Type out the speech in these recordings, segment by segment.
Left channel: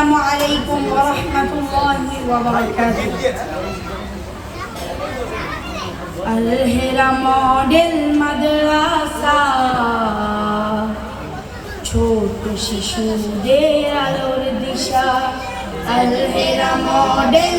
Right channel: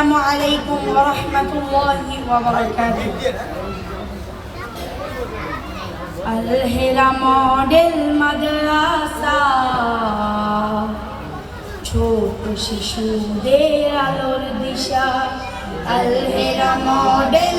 আসসালামু আলাইকুম ওয়া রাহমাতুল্লাহি ওয়া বারাকাতুহু। আল হেরা মডেল মাদ্রাসা। ছোট শিশুদের আলোর দিশা। আল হেরা মডেল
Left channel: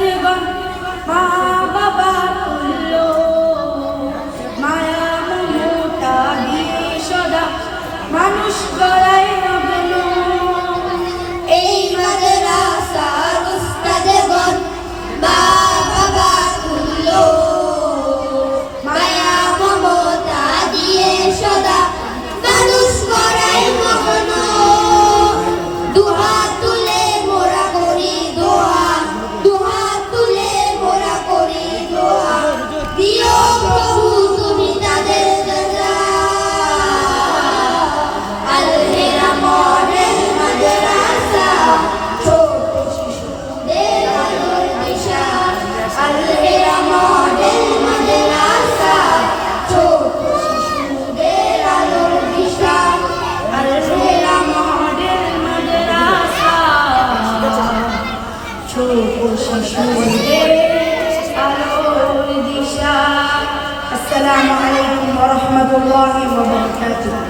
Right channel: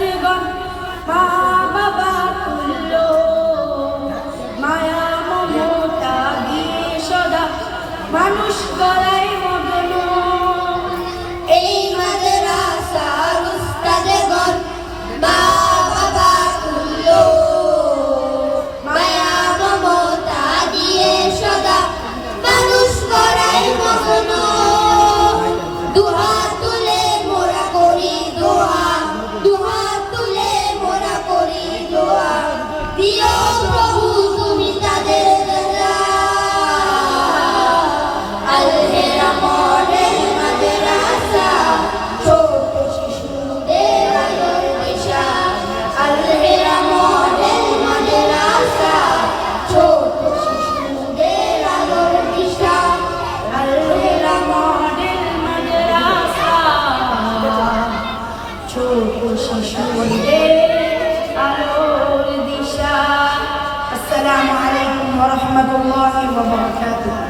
Dlatego বসে শুনবে আলোর দিশা আসসালামু আলাইকুম ওয়া রাহমাতুল্লাহি ওয়া বারাকাতুহু